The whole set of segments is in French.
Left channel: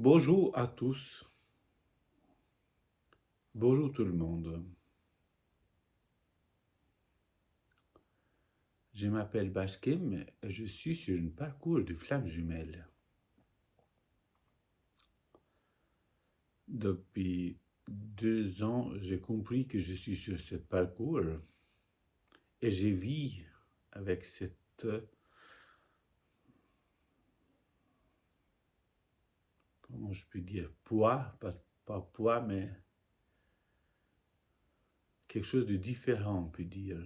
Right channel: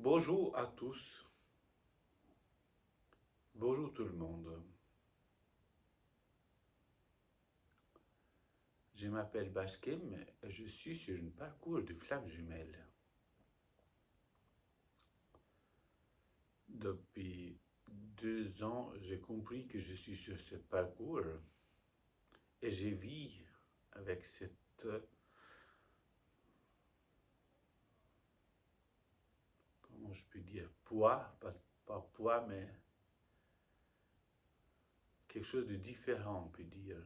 Bonjour à tous, bonjour tout le monde. Je m'appelle Bashkim et je suis sur un parcours de flammes jumelles. Depuis 2 ans, j'ai compris que je suis sur ce parcours et je vis avec cette, comment je peux dire, poids, pas poids, mais quelque chose de différent, on peut dire.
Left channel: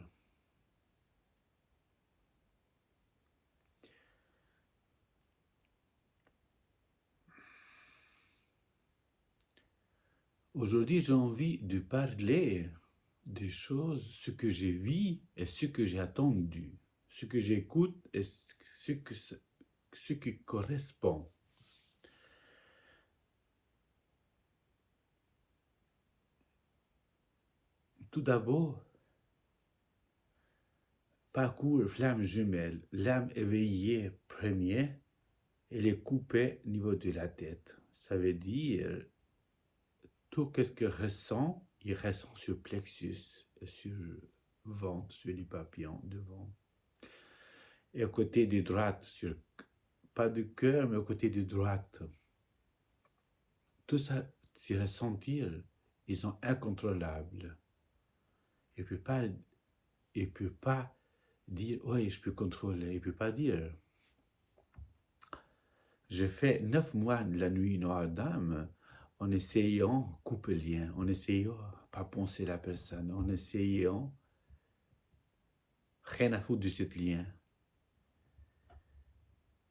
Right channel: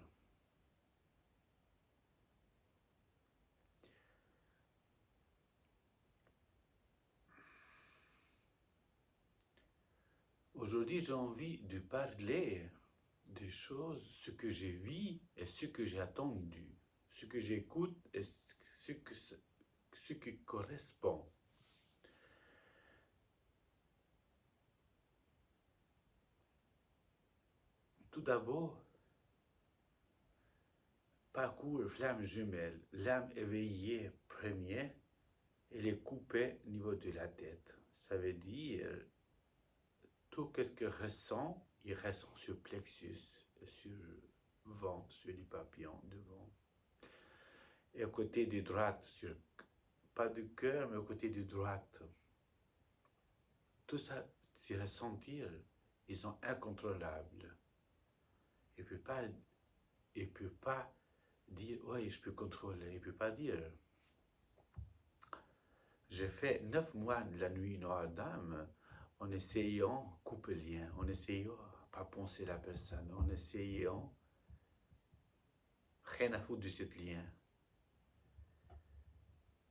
Aujourd'hui, j'ai envie de parler des choses, ce que j'ai vu et ce que j'ai attendu, ce que j'écoute et ce qui correspond. Tout d'abord, parcours flamme jumelle, l'âme éveillée premier, elle est coupée au niveau de la tête. Ça veut dire, tout ce que ressent, il ressent sur plexus, sur ventre, sur les papillons devant. Et à côté de droite, pas du cœur, mais au côté de droite. Tout ça, ces ressentir, ils sont incontrôlables. Il ne peut pas dire, oui, je peux contrôler. Il ne peut pas dire. J'ai fait 9 mois de la nuit noire d'âme en essayant de couper le lien, en essayant de pas penser la personne, en essayant rien à foutre de ce lien.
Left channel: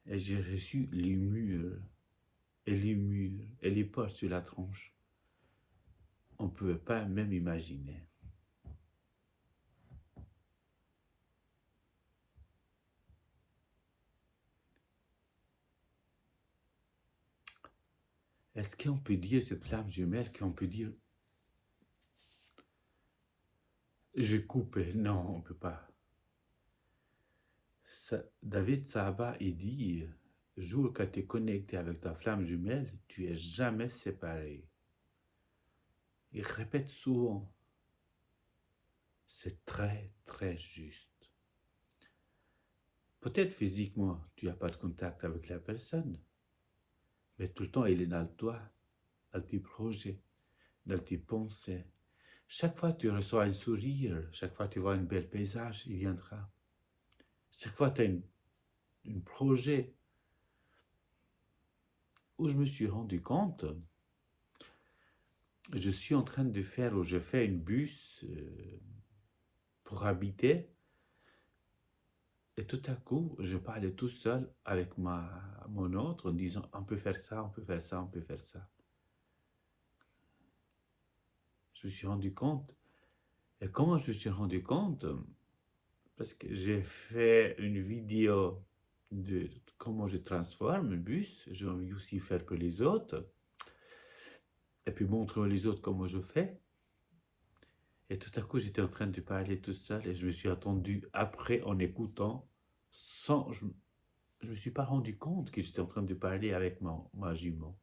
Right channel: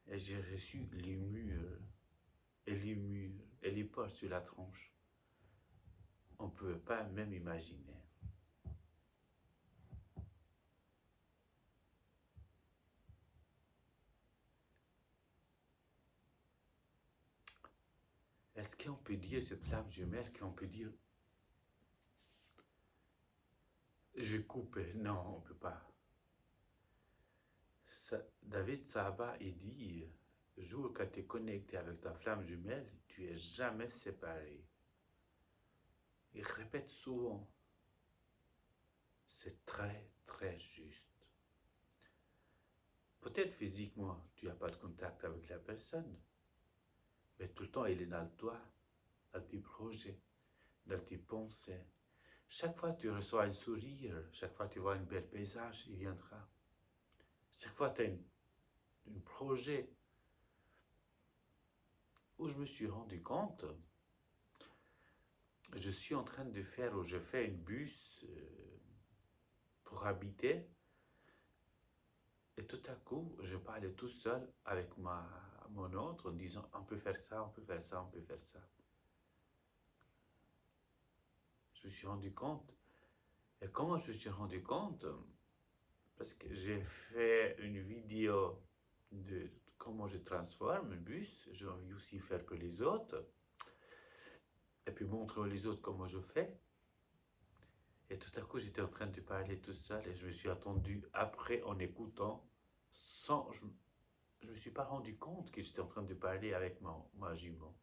Et j'ai reçu les murs, et les portes sur la tronche. On ne peut pas même imaginer. Est-ce qu'on peut dire cette flamme jumelle, qu'on peut dire je coupe? Non, on ne peut pas. David Saba, il dit, jour que tu es connecté avec ta flamme jumelle, tu es jamais séparé. Il répète souvent. C'est très, très juste. Peut-être physiquement, tu n'as pas de contact avec la personne, mais tout le temps, il est dans toi, dans tes projets, dans tes pensées. Chaque fois que tu reçois un sourire, chaque fois que tu vois un bel paysage, il viendra. Chaque fois que tu as un projet où je me suis rendu compte, je suis en train de faire, ou je fais une bus pour habiter, et tout à coup, je parlais tout seul avec mon autre en disant, on peut faire ça, on peut faire ça, on peut faire ça. Je me suis rendu compte. Et comment je me suis rendu compte? Parce que j'ai fait une vidéo de comment je transforme le bus. J'ai envie aussi de faire pour les autres. Et puis montrer aux autres comment je fais. Et tout à coup, j'étais en train de parler tout seul et je me suis attendu après en écoutant sans... Je me suis pas rendu compte que j'étais en train de parler avec ma jument.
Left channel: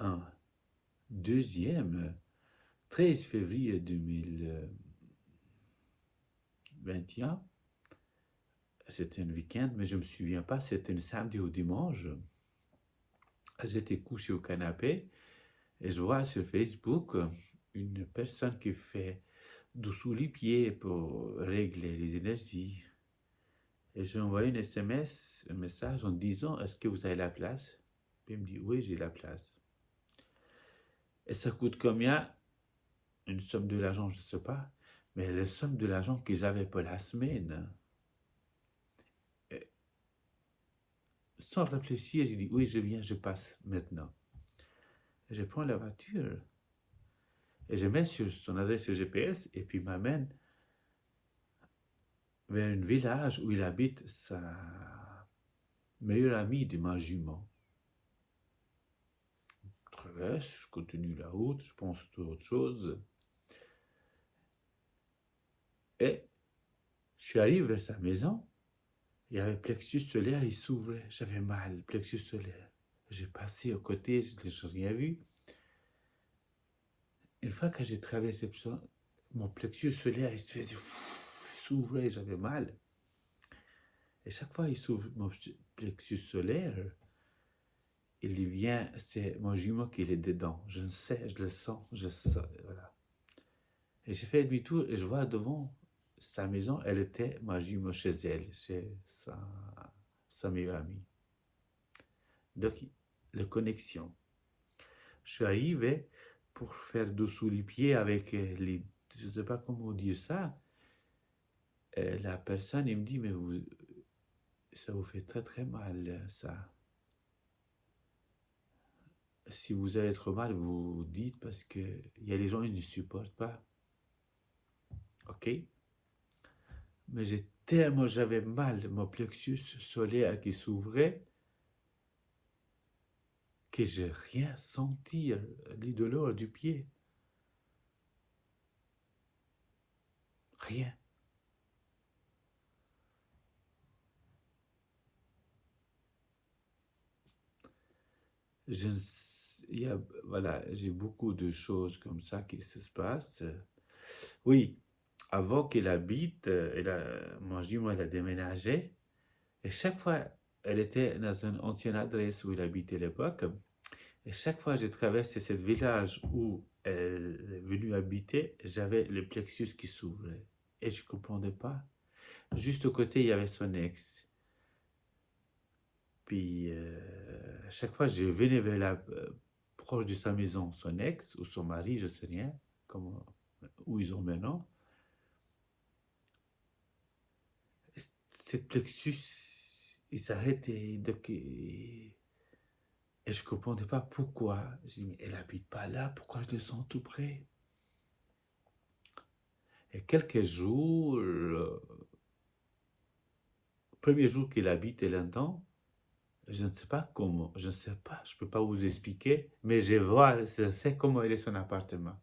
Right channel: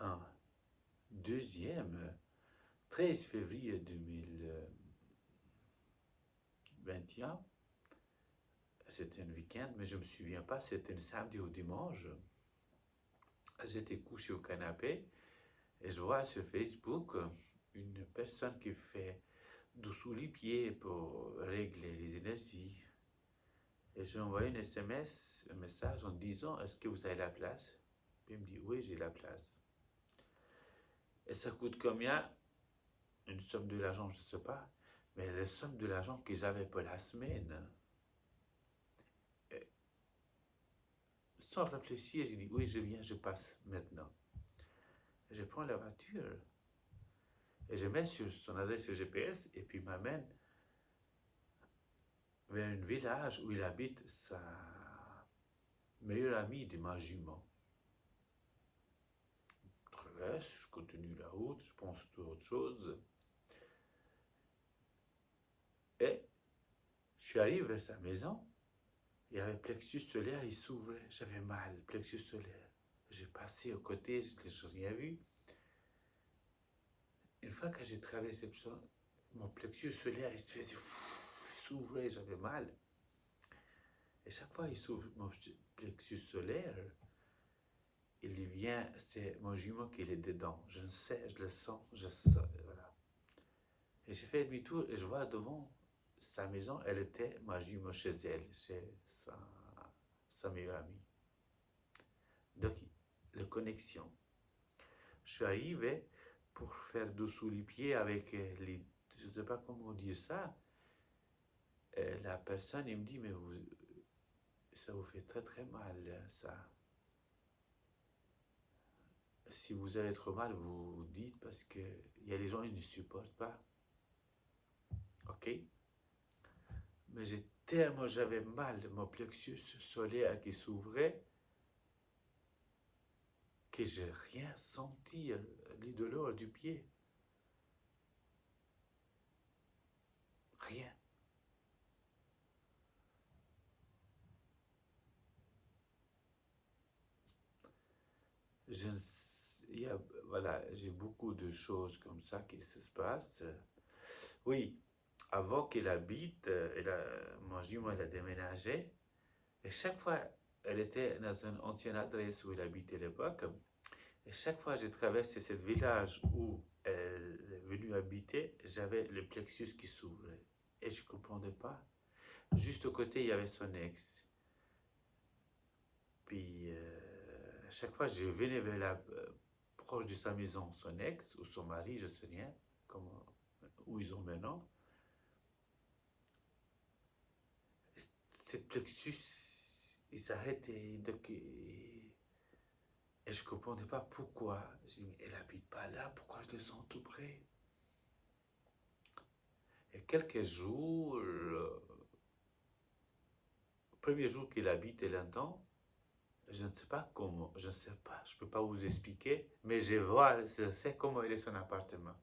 Un. Deuxième, 13 février 2021, c'était un week-end, mais je ne me souviens pas, c'était un samedi ou dimanche. J'étais couché au canapé et je vois sur Facebook une personne qui fait dessous les pieds pour régler les énergies. Et j'ai envoyé une SMS, un message en disant, est-ce que vous avez la place? Puis il me dit, oui, j'ai la place. Et ça coûte combien? Une somme de l'argent, je ne sais pas, mais la somme de l'argent que j'avais pour la semaine. Et sans réfléchir, j'ai dit, oui, je viens, je passe maintenant. Et je prends la voiture et je mets sur son adresse GPS et puis m'amène vers un village où il habite sa meilleure amie de ma jument. Je traverse, je continue la route, je pense à autre chose. Et je suis arrivé vers sa maison Il y avait le plexus solaire, il s'ouvrait. J'avais mal, le plexus solaire. J'ai passé à côté, je n'ai rien vu. Une fois que j'ai traversé ça, mon plexus solaire, il se faisait, il s'ouvrait, j'avais mal. Et chaque fois, il s'ouvre mon plexus solaire, il vient, c'est mon jumeau qui est dedans. Je le sais, je le sens, voilà. Et j'ai fait demi-tour et je vois devant sa maison, elle était ma jumeau chez elle, chez sa meilleure amie. Donc, la connexion. Je suis arrivé pour faire dessous les pieds avec les... Je ne sais pas comment dire ça. La personne, il me dit, mais vous, ça vous fait très très mal, ça. Si vous avez trop mal, vous dites parce que il y a des gens qui ne supportent pas. Ok? Mais j'avais mal, mon plexus solaire qui s'ouvrait, que j'ai rien senti, les douleurs du pied. Rien. Je, il y a, voilà, j'ai beaucoup de choses comme ça qui se passent. Oui, avant qu'elle habite, mon jumeau, elle a déménagé. Et chaque fois, elle était dans une ancienne adresse où elle habitait à l'époque. Et chaque fois que je traversais ce village où elle est venue habiter, j'avais le plexus qui s'ouvrait. Et je ne comprenais pas. Juste au côté, il y avait son ex. Puis, chaque fois, je venais vers proche de sa maison, son ex ou son mari, je ne sais rien, comment, où ils ont maintenant. Cette plexus, il s'arrêtait. Et je ne comprenais pas pourquoi. Je dis, mais elle n'habite pas là, pourquoi je le sens tout près? Et quelques jours, le premier jour qu'il habite là-dedans, je ne sais pas comment, je ne sais pas, je ne peux pas vous expliquer, mais je sais comment il est son appartement.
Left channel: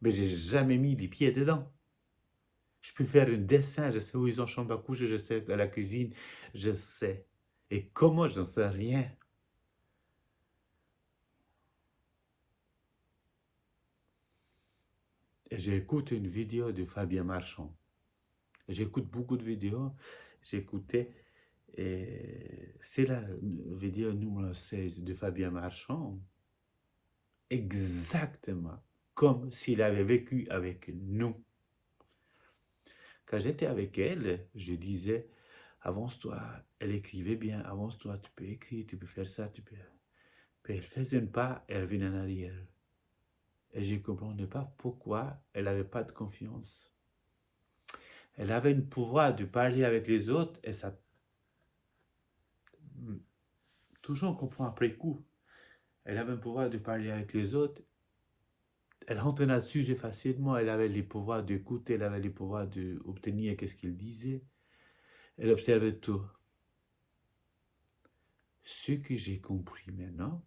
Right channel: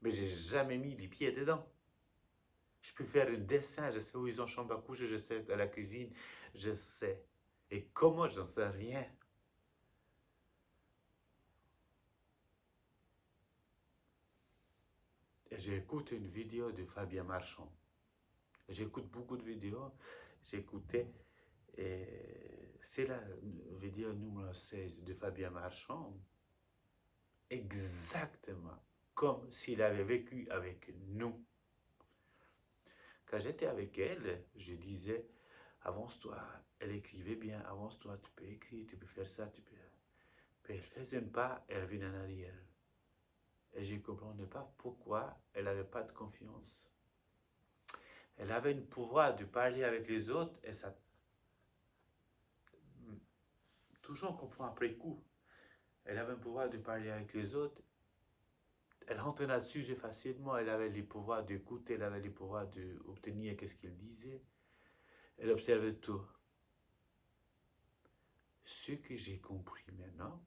Mais j'ai jamais mis les pieds dedans. Je peux faire un dessin, je sais où ils ont chambre à coucher, je sais à la cuisine, je sais. Et comment, je ne sais rien. Et j'écoute une vidéo de Fabien Marchand. J'écoute beaucoup de vidéos. J'écoutais, et c'est la vidéo numéro 16 de Fabien Marchand. Exactement comme s'il avait vécu avec nous. Quand j'étais avec elle, je disais, avance-toi, elle écrivait bien, avance-toi, tu peux écrire, tu peux faire ça, tu peux... Puis elle faisait un pas et elle venait en arrière. Et je ne comprenais pas pourquoi elle n'avait pas de confiance. Elle avait un pouvoir de parler avec les autres et ça... Toujours on comprend après coup. Elle avait un pouvoir de parler avec les autres. Elle rentrait dans le sujet facilement. Elle avait les pouvoirs d'écouter, elle avait les pouvoirs d'obtenir qu'est-ce qu'il disait. Elle observait tout. Ce que j'ai compris maintenant,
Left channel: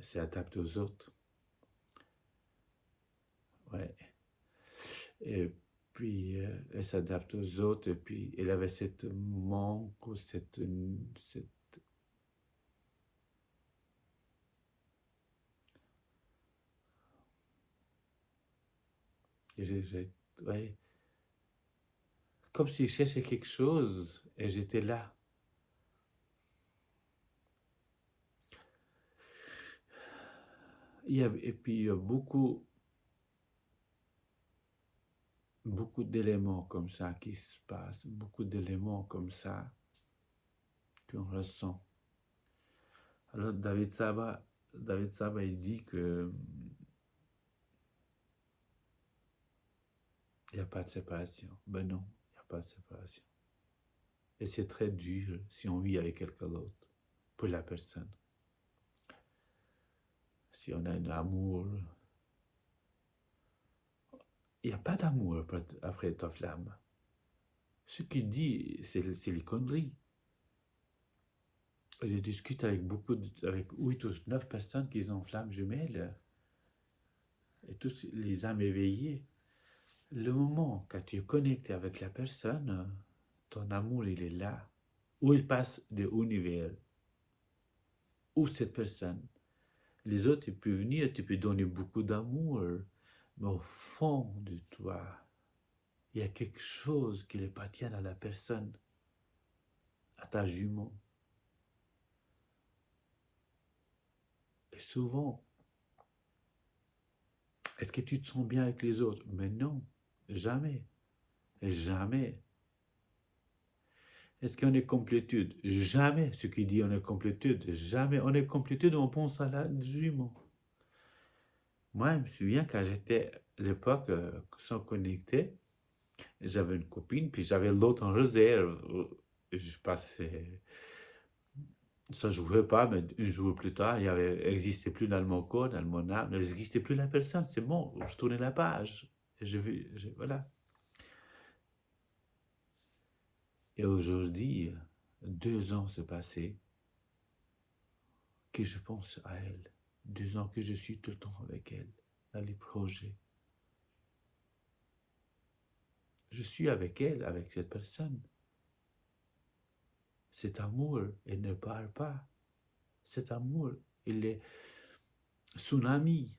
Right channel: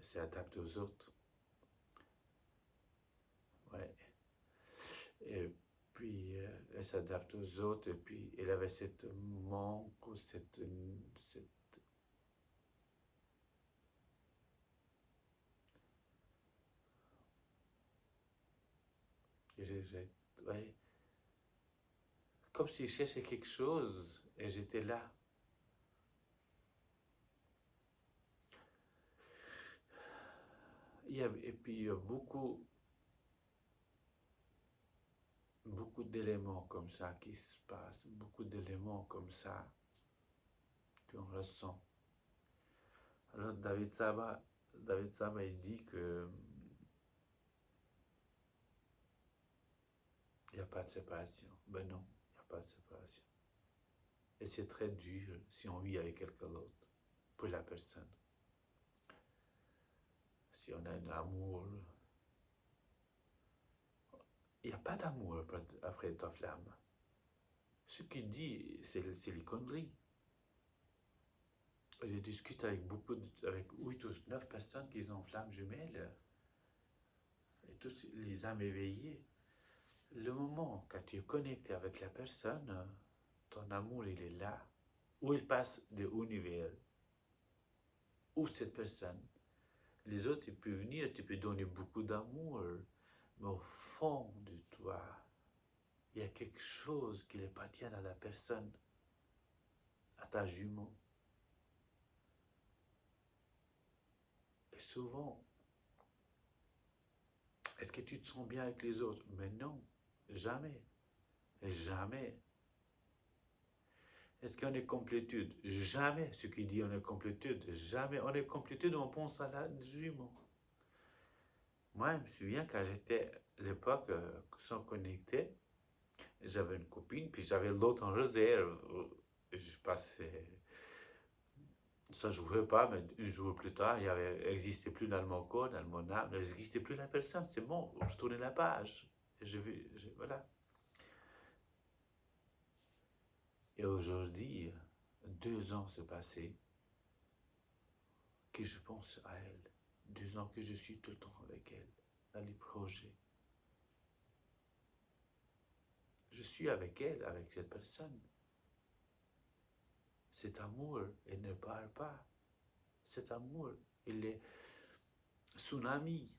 c'est adapté aux autres. Ouais. Et puis, elle s'adapte aux autres, et puis elle avait cette manque, ou cette ouais, comme si je cherchais quelque chose, et j'étais là. Et puis, il y a beaucoup d'éléments comme ça qui se passent, beaucoup d'éléments comme ça qu'on ressent. Alors, David Saba, il dit que il n'y a pas de séparation. Ben non, il n'y a pas de séparation. Et c'est très dur si on vit avec quelqu'un d'autre, pour la personne. Si on a un amour, il n'y a pas d'amour après ta flamme. Ce qu'il dit, c'est les conneries. Je discute avec avec 8 ou 9 personnes qui ont flamme jumelle. Et tous les âmes éveillées, le moment quand tu es connecté avec la personne, ton amour, il est là. Où il passe de univers, où cette personne. Les autres, tu peux venir, tu peux donner beaucoup d'amour, mais au fond de toi, il y a quelque chose qui appartient à la personne, à ta jument. Et souvent, est-ce que tu te sens bien avec les autres? Mais non, jamais, jamais. Est-ce qu'on est complétude? Jamais. Ce qui dit on est complétude, jamais. On est complétude, on pense à la jument. Moi, je me souviens quand j'étais à l'époque sans connecter, j'avais une copine, puis j'avais l'autre en réserve. Je passais. Ça ne jouait pas, mais un jour plus tard, il n'existait plus dans mon corps, dans mon âme, il n'existait plus la personne. C'est bon, je tournais la page. Voilà. Et aujourd'hui, 2 ans se passaient, que je pense à elle. 2 ans que je suis tout le temps avec elle, dans les projets. Je suis avec elle, avec cette personne. Cet amour, elle ne parle pas. Cet amour, il est tsunami.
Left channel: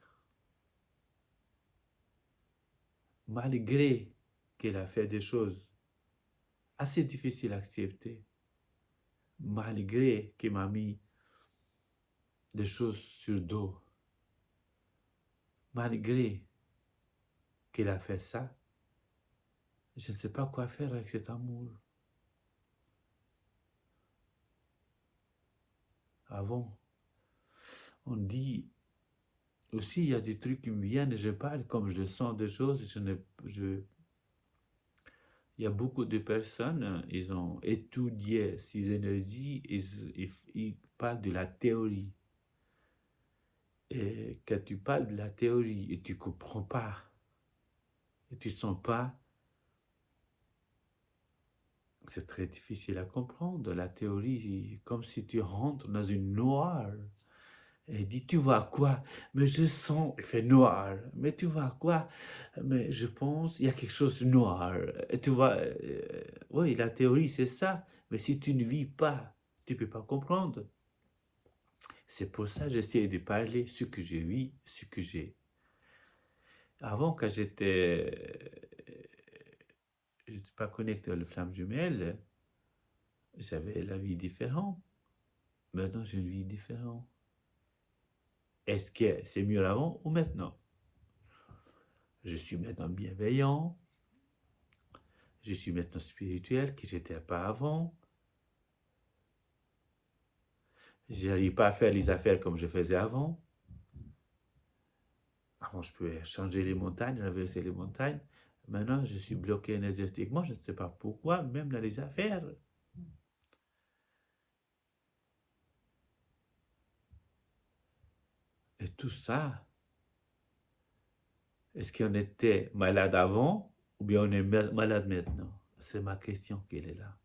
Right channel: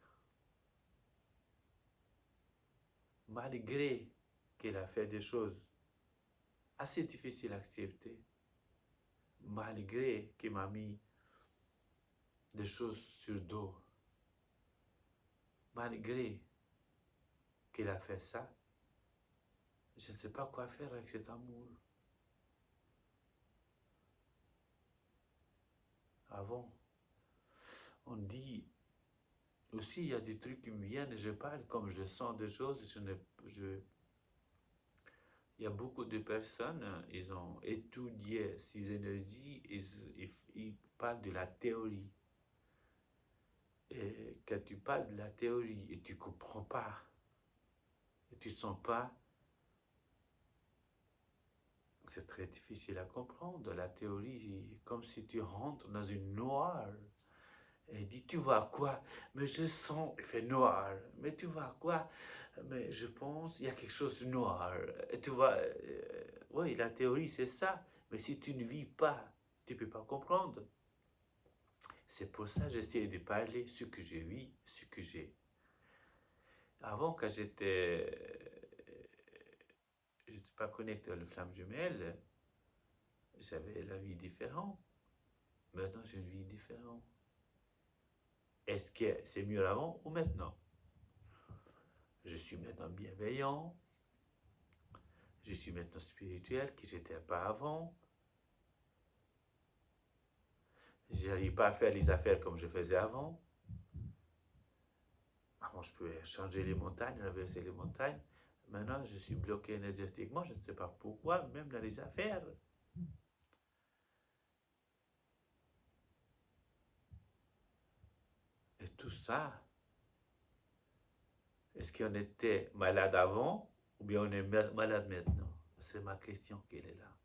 Malgré qu'elle a fait des choses assez difficiles à accepter, malgré qu'elle m'a mis des choses sur le dos, malgré qu'elle a fait ça, je ne sais pas quoi faire avec cet amour. Avant, on dit aussi, il y a des trucs qui me viennent et je parle comme je sens des choses. Il y a beaucoup de personnes, ils ont étudié ces énergies, ils parlent de la théorie. Et quand tu parles de la théorie et tu ne comprends pas, et tu ne sens pas, c'est très difficile à comprendre. La théorie, comme si tu rentres dans une noire. Et il dit, tu vois quoi? Mais je sens, il fait noir. Mais tu vois quoi? Mais je pense, il y a quelque chose de noir. Et tu vois, oui, la théorie, c'est ça. Mais si tu ne vis pas, tu ne peux pas comprendre. C'est pour ça que j'essaie de parler ce que je vis, ce que j'ai. Avant, quand j'étais pas connecté à la flamme jumelle, j'avais la vie différente. Maintenant, j'ai une vie différente. Est-ce que c'est mieux avant ou maintenant? Je suis maintenant bienveillant. Je suis maintenant spirituel, que j'étais pas avant. Je n'arrive pas à faire les affaires comme je faisais avant. Avant, je pouvais changer les montagnes, traverser les montagnes. Maintenant, je suis bloqué énergétiquement. Je ne sais pas pourquoi, même dans les affaires. Et tout ça, est-ce qu'on était malade avant ou bien on est malade maintenant? C'est ma question qu'elle est là.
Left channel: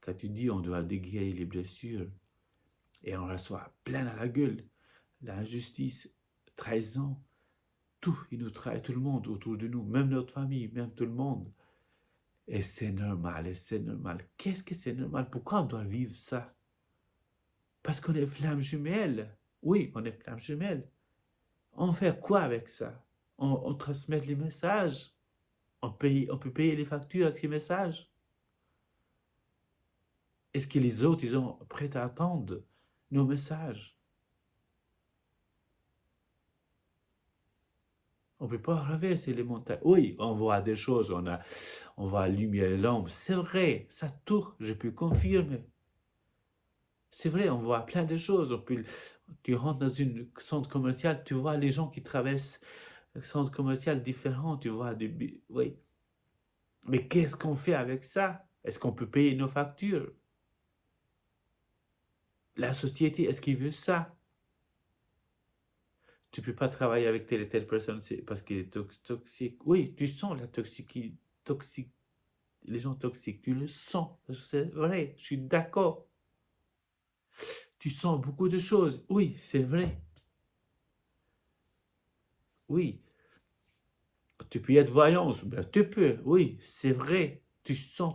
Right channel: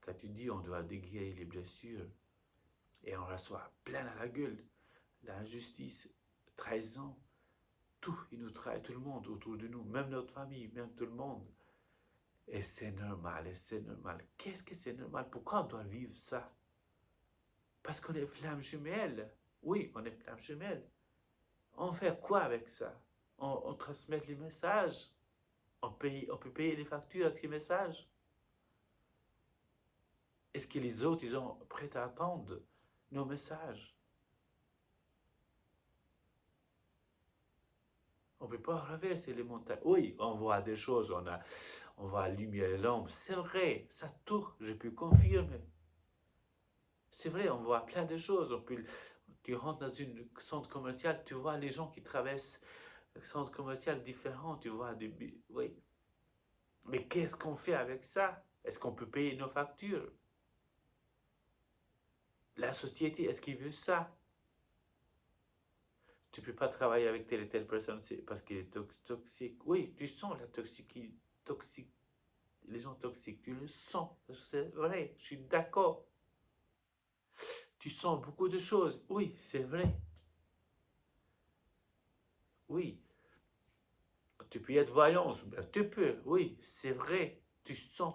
Quand tu dis on doit déguérir les blessures et on reçoit plein à la gueule, l'injustice, trahison, tout, il nous trahit tout le monde autour de nous, même notre famille, même tout le monde. Et c'est normal, et c'est normal. Qu'est-ce que c'est normal? Pourquoi on doit vivre ça? Parce qu'on est flammes jumelles. Oui, on est flammes jumelles. On fait quoi avec ça? On transmet les messages. On peut payer les factures avec ces messages. Est-ce que les autres, ils sont prêts à attendre nos messages? On ne peut pas traverser les montagnes. Oui, on voit des choses, on voit la lumière et l'ombre. C'est vrai, ça tourne, je peux confirmer. C'est vrai, on voit plein de choses. Tu rentres dans un centre commercial, tu vois les gens qui traversent un centre commercial différent, tu vois oui. Mais qu'est-ce qu'on fait avec ça? Est-ce qu'on peut payer nos factures? La société, est-ce qu'il veut ça? Tu ne peux pas travailler avec telle et telle personne parce qu'il est toxique. Oui, tu sens la toxique, les gens toxiques, tu le sens. C'est vrai, je suis d'accord. Tu sens beaucoup de choses. Oui, c'est vrai. oui. Tu peux être voyant, ben, tu peux, oui, c'est vrai. Tu sens,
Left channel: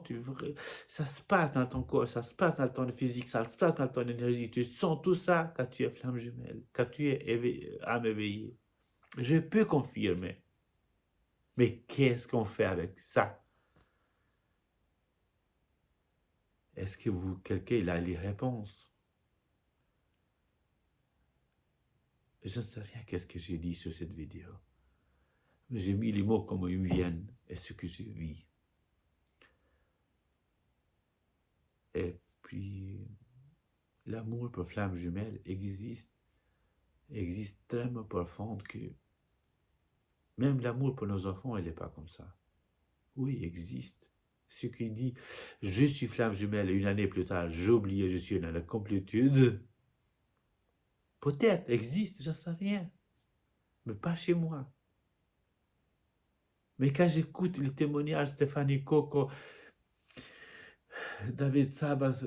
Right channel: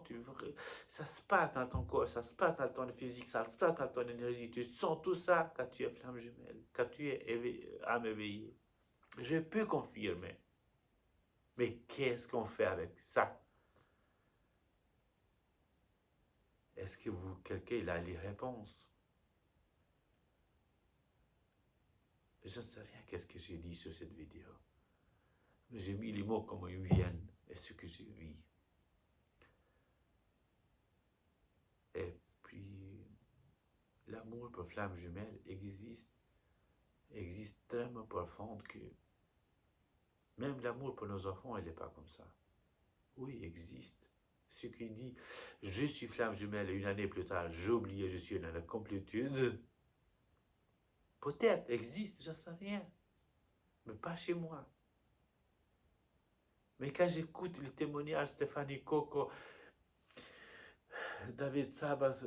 ça se passe dans ton corps, ça se passe dans ton physique, ça se passe dans ton énergie. Tu sens tout ça quand tu es flamme jumelle, quand tu es âme éveillée. Je peux confirmer. Mais qu'est-ce qu'on fait avec ça? Est-ce que quelqu'un a les réponses? Je ne sais rien qu'est-ce que j'ai dit sur cette vidéo. Mais j'ai mis les mots comme ils me viennent et ce que je vis. Et puis, l'amour pour flamme jumelle existe tellement profonde que même l'amour pour nos enfants, elle n'est pas comme ça. Oui, existe. Ce qui dit, je suis flamme jumelle et une année plus tard, j'ai oublié, je suis dans la complétude. Peut-être existe, j'en sais rien. Mais pas chez moi. Mais quand j'écoute les témoignages Stéphanie Coco, David Sabas,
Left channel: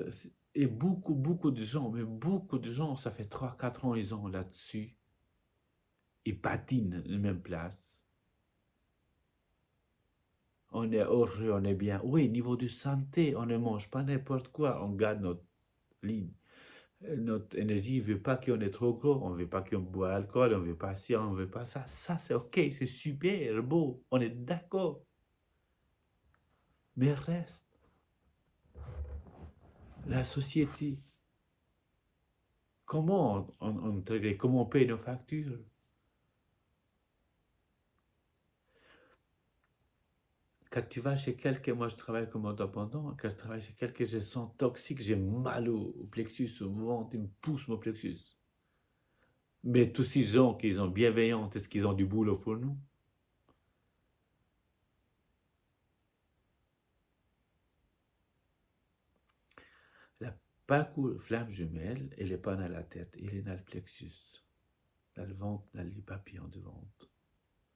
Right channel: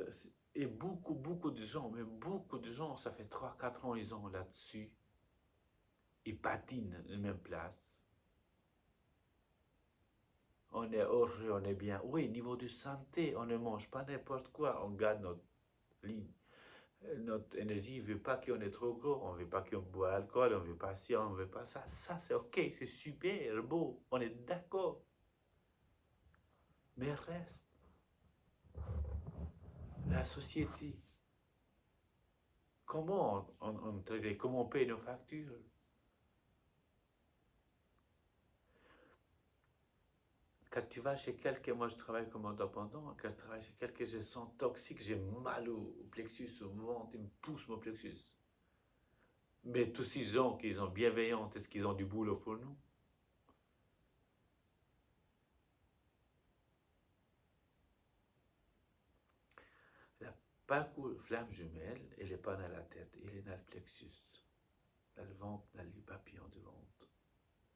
et beaucoup de gens, mais beaucoup de gens, ça fait 3-4 ans, ils ont là-dessus. Ils patinent à la même place. On est heureux, on est bien. Oui, niveau de santé, on ne mange pas n'importe quoi, on garde notre ligne. Notre énergie ne veut pas qu'on est trop gros, on ne veut pas qu'on boit alcool, on ne veut pas ci, on ne veut pas ça. Ça, c'est OK, c'est super beau, on est d'accord. Mais reste, la société, comment comment on paye nos factures? Quand tu vas chez quelqu'un, moi je travaille comme indépendant, quand je travaille chez quelqu'un, je sens toxique, j'ai mal au plexus, au ventre, il me pousse mon plexus. Mais tous ces gens qui sont bienveillants, est-ce qu'ils ont du boulot pour nous? La parcours flamme jumelle, elle n'est pas dans la tête, elle est dans le plexus, dans le ventre, dans les papillons de ventre,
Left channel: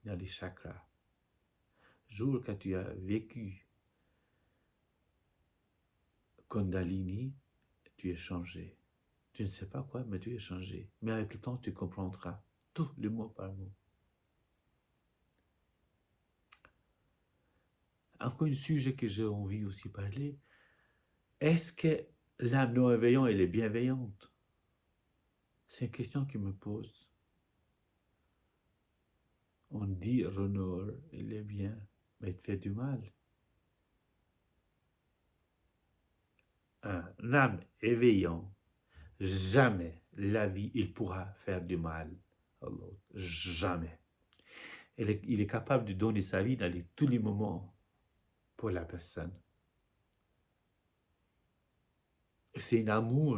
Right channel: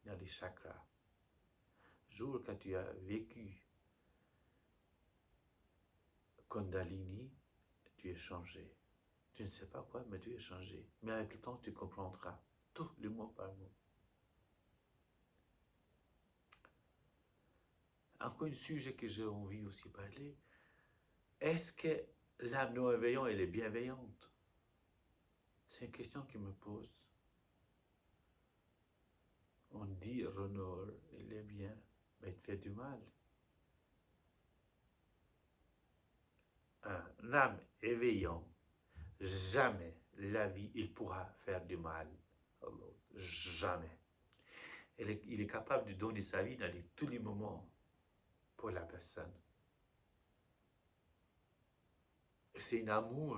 dans les chakras. Jour que tu as vécu Kundalini, tu es changé. Tu ne sais pas quoi, mais tu es changé. Mais avec le temps, tu comprendras tout le mot par mot. Encore un sujet que j'ai envie aussi de parler, est-ce que l'âme non éveillante, elle est bienveillante? C'est une question qui me pose. On dit Renard, il est bien, mais il te fait du mal. Un âme éveillant, jamais la vie, il pourra faire du mal à l'autre. Jamais. Il est capable de donner sa vie dans tous les moments pour la personne. C'est un amour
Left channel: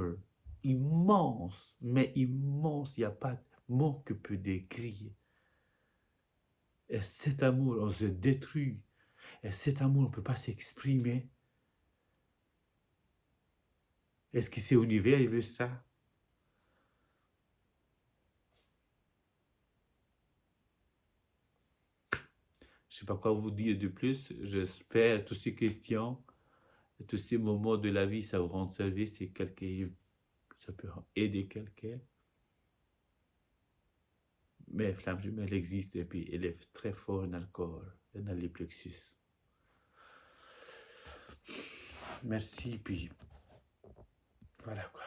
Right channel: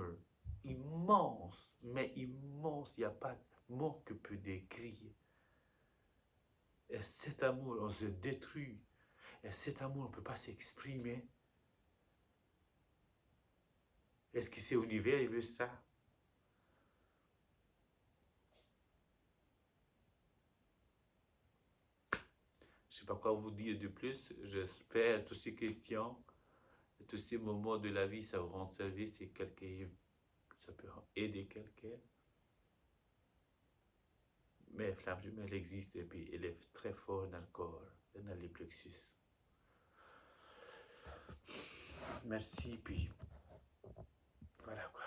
immense, mais immense. Il n'y a pas de mot que peut décrire. Et cet amour, on se détruit. Et cet amour, on ne peut pas s'exprimer. Est-ce que c'est l'univers, il veut ça? Je ne sais pas quoi vous dire de plus. J'espère toutes ces questions, tous ces moments de la vie, ça vous rend service. Si quelqu'un, ça peut aider quelqu'un. Mais flamme jumelle existe et puis elle est très forte dans le corps et dans les plexus. Merci, puis voilà quoi.